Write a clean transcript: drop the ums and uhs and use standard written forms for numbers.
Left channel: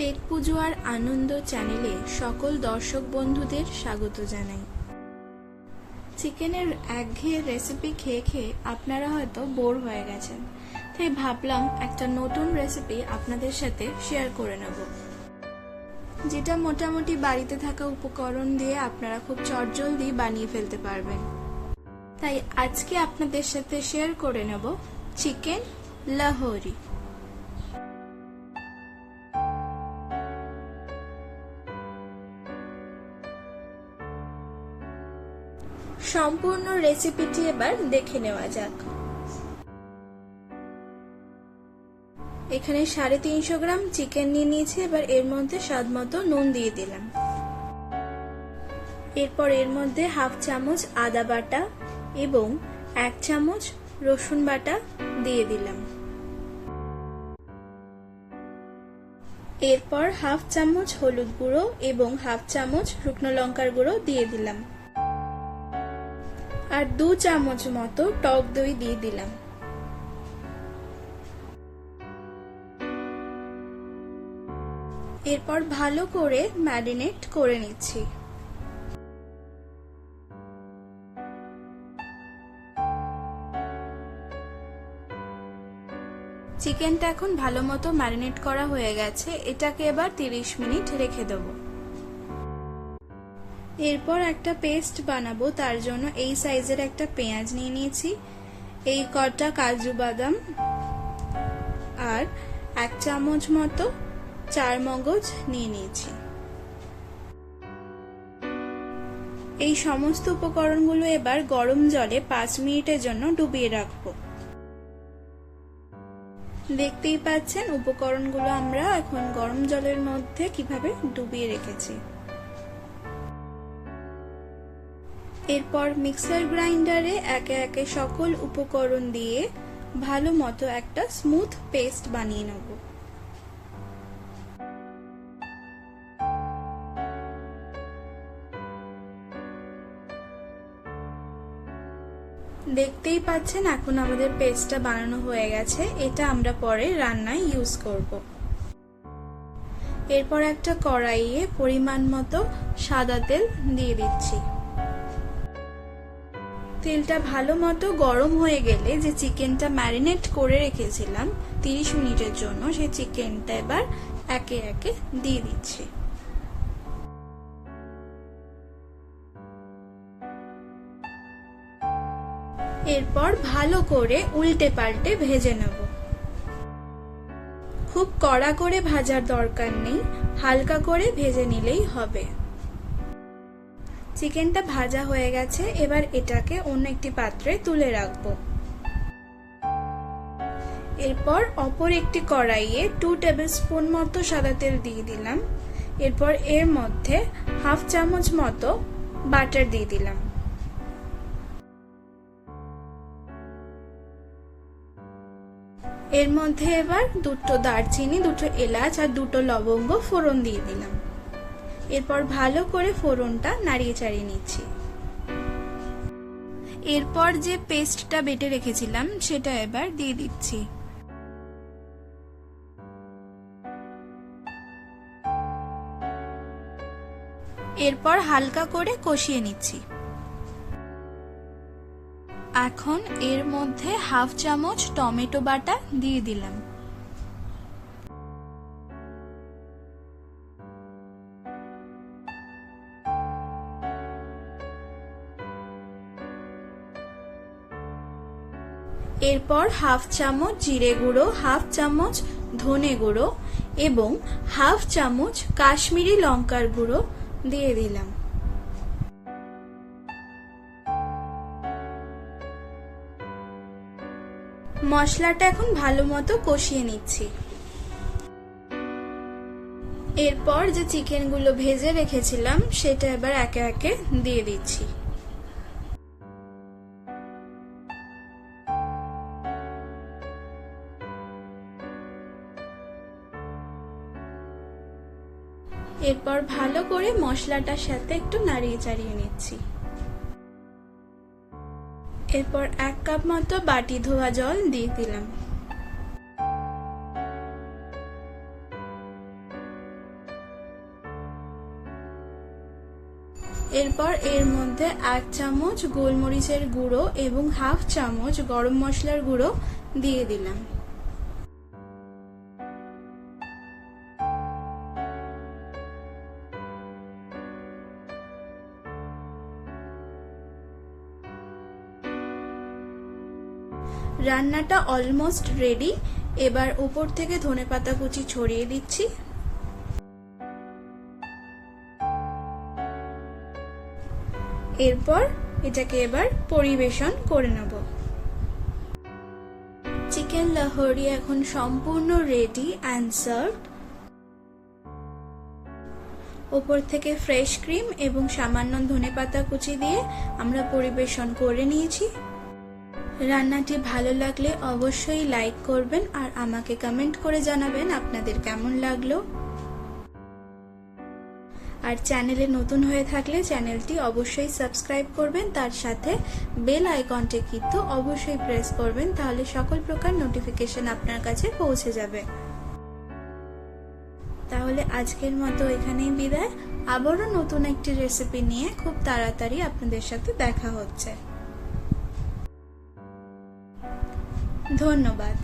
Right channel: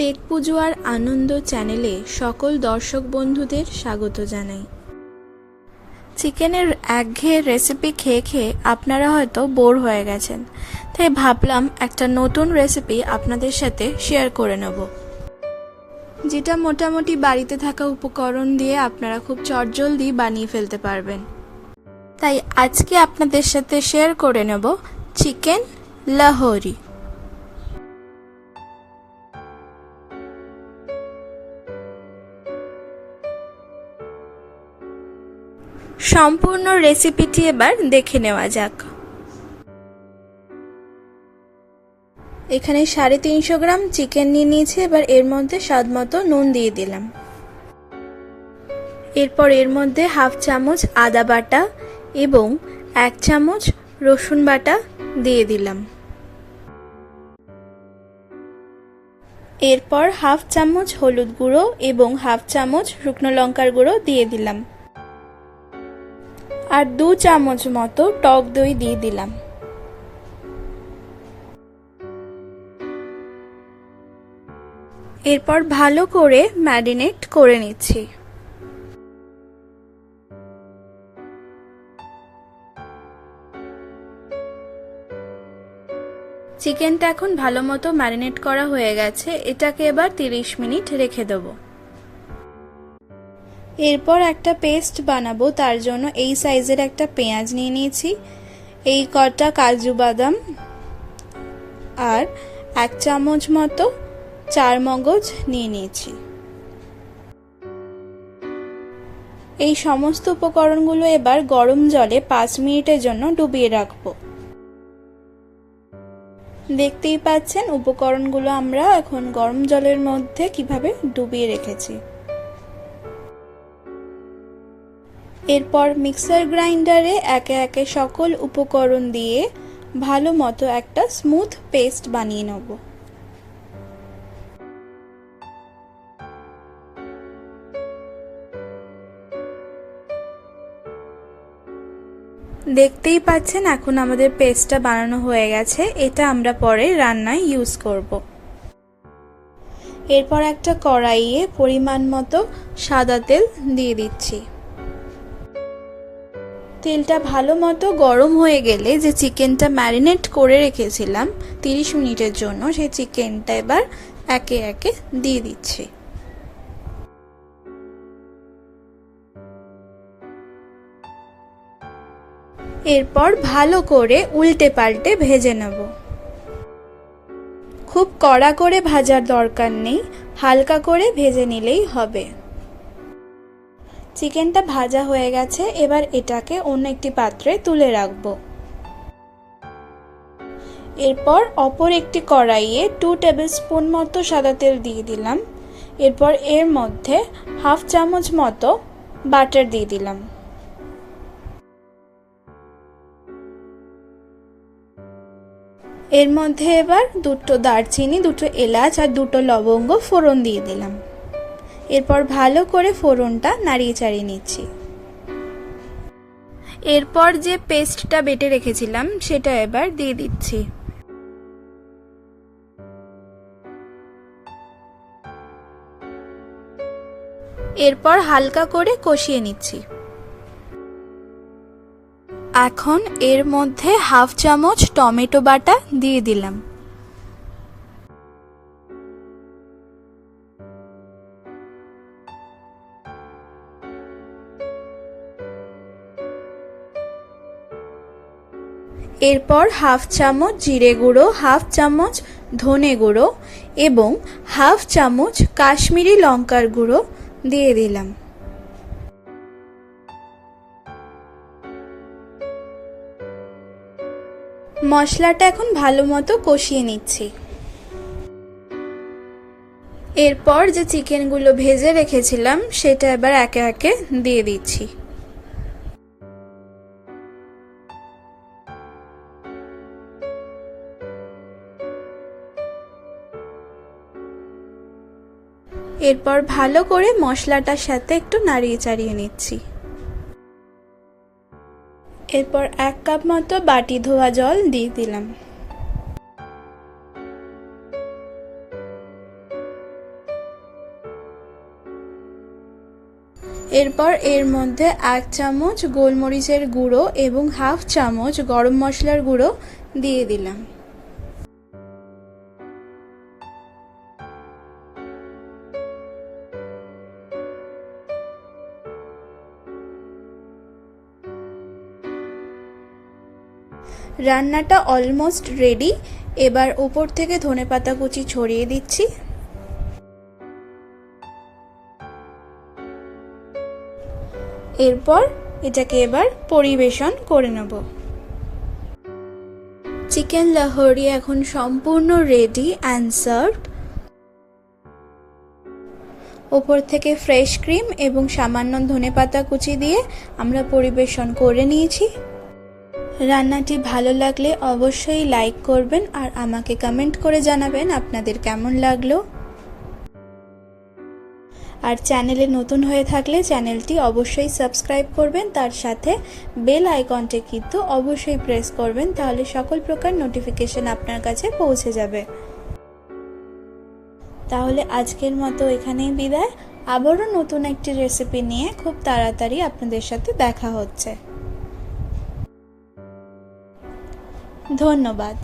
Take পুজো আর আনন্দ চ্যানেলে সকল দর্শক বন্ধুদের স্বাগত জানাই। চিকেনের একঘেয়ে রেসিপি খেয়ে খেয়ে আপনারা হয়তো বোর হয়ে গেছেন, তাই ভাবলাম একটা নতুন রেসিপি আপনাদের সাথে শেয়ার করে নেব, যেটা মোটামুটি বাড়িতে থাকা উপকরণ দিয়ে আপনারা খুব চটজলদি বানিয়ে ফেলতে পারবেন। তাই আজকে আপনাদের সাথে শেয়ার করে নেব চিকেন লাহোরি। সম্পূর্ণ রেসিপিটি এবার দেখে নেওয়া যাক। এখানে 350 গ্রাম চিকেন নিয়ে নিয়েছি। এবার এর মধ্যে স্বাদ মতো নুন দিয়ে দিলাম। এরপর এর মধ্যে হাফ চামচ আদা বাটা এবং 1 চামচ রসুন বাটা দিয়ে দিলাম। এরপর হাফ চামচ হলুদ গুঁড়ো এবং হাফ চামচ শুকনো লঙ্কার গুঁড়ো দিয়ে দিলাম। আর 2 চামচ মতো টক দই দিয়ে দিলাম। এরপর ভালো করে ম্যারিনেট করে নিচ্ছি। চিকেনটা এখন ভালো মতো ম্যারিনেট করা হয়ে গেছে। এটাকে এবার 30 মিনিট রেখে দেবো। এরপর একটা পেস্ট বানাবো, তার জন্য এই সাইজের একটা পেঁয়াজ নিয়ে নিয়েছি, এই কটা কাজু বাদাম আর 1 চামচ মতো চারমগজ নিয়ে নিয়েছি। এই সমস্ত উপকরণগুলো এবার গরম জলে 5 মিনিটের জন্য ডুবিয়ে রাখবো। দেখতেই পাচ্ছেন উপকরণগুলো আমরা এখন গরম জলের মধ্যে কিভাবে ডুবিয়ে রেখেছি। এরপর মিক্সার গ্রাইন্ডারে একে একে সকল উপকরণ দিয়ে ভালো মতো একটা স্মুথ পেস্ট বানিয়ে নেব। দেখতেই পাচ্ছেন এখন আমাদের পেস্টটা বানানো হয়ে গেছে। এটা আমরা পরে রান্নায় ইউজ করব। এরপর একটা কড়াইয়ে পরিমাণ মতো সাদা তেল দিয়ে দিচ্ছি। তেলটা ভালো মতো গরম হয়ে গেলে যে চিকেনটা ম্যারিনেট করে রেখেছিলাম 30 মিনিটের জন্য, সেই চিকেনটা এবার একে একে দিয়ে দিচ্ছি। এরপর ভালো করে উল্টে পাল্টে ভেজে নেব। খুব কড়া করে ভাজার দরকার নেই, হালকা করে ভেজে নিলেই হবে। চিকেনটা ভাজা হয়ে গেছে। এবার এটাকে অন্য একটি পাত্রে তুলে রাখবো। এরপর অপর একটি কড়াইয়ে 2 টেবিলস্পুন মতো সাদা তেল দিয়ে দিলাম। এরপর এর মধ্যে হাফ চামচ মতো বাটার দিয়ে দিলাম। এর মধ্যে এবার 2টো দারচিনি, 2টো এলাচ আর 2টো লবঙ্গ ফোড়ন দিয়ে দিলাম। এরপর ভালো করে ফোড়নটা নাড়িয়ে চাড়িয়ে নিচ্ছি। এরপর যে পেস্টটা বেটে রেখেছিলাম সেটা এবার দিয়ে দিচ্ছি। এরপর হালকা করে কষিয়ে নিচ্ছি। এখন এর মধ্যে হাফ চামচ টমেটো বাটা দিয়ে দিলাম। এরপর হাফ চামচ জিরে গুঁড়ো, হাফ চামচ ধনে গুঁড়ো এবং হাফ চামচ কাশ্মীরি লঙ্কার গুঁড়ো দিয়ে দিলাম। মশলাটা এখন ভালো মতো কষিয়ে নিচ্ছি। এরপর যে চিকেনগুলো ভেজে রেখেছিলাম সেটা এবার একে একে দিয়ে দিচ্ছি। এরপর ভালো করে মশলাটার সাথে একটু নাড়িয়ে চাড়িয়ে নিচ্ছি। এরপর 1 কাপ মতো বাটি ধোয়া জল দিয়ে দিলাম। এরপর এর মধ্যে 1 চামচ গোলমরিচের গুঁড়ো এবং 1/2 চামচ গরম মশলার গুঁড়ো দিয়ে দিলাম। রান্নাটা অলমোস্ট রেডি। এবার উপর থেকে ধনেপাতা কুচি ছড়িয়ে দিচ্ছি। এরপর এটাকে এবার পরিবেশন করে নেব। চিকেন লাহোরি এখন সম্পূর্ণ রেডি অ্যান্ড সার্ভড। ওপর থেকে ফ্রেশ ক্রিম এবং সামান্য ধনেপাতা কুচি দিয়ে আমরা পরিবেশন করে নিয়েছি। রান্নাটি ভালো লাগলে অবশ্যই লাইক করবেন আর আমাকে কমেন্ট করে জানাবেন আপনাদের কেমন লাগলো। আর চ্যানেলে নতুন হয়ে থাকলে চ্যানেলটি অবশ্যই সাবস্ক্রাইব করবেন, তার সাথে বেল আইকনটি কিন্তু অবশ্যই প্রেস করবেন, তাহলে সকল প্রকার নোটিফিকেশন আপনার কাছে পৌঁছে যাবে। তাহলে আজকের মতো এখানেই বিদায়। আবারও নতুন একটি রেসিপি নিয়ে খুব তাড়াতাড়ি আপনাদের সাথে দেখা হচ্ছে। ধন্যবাদ।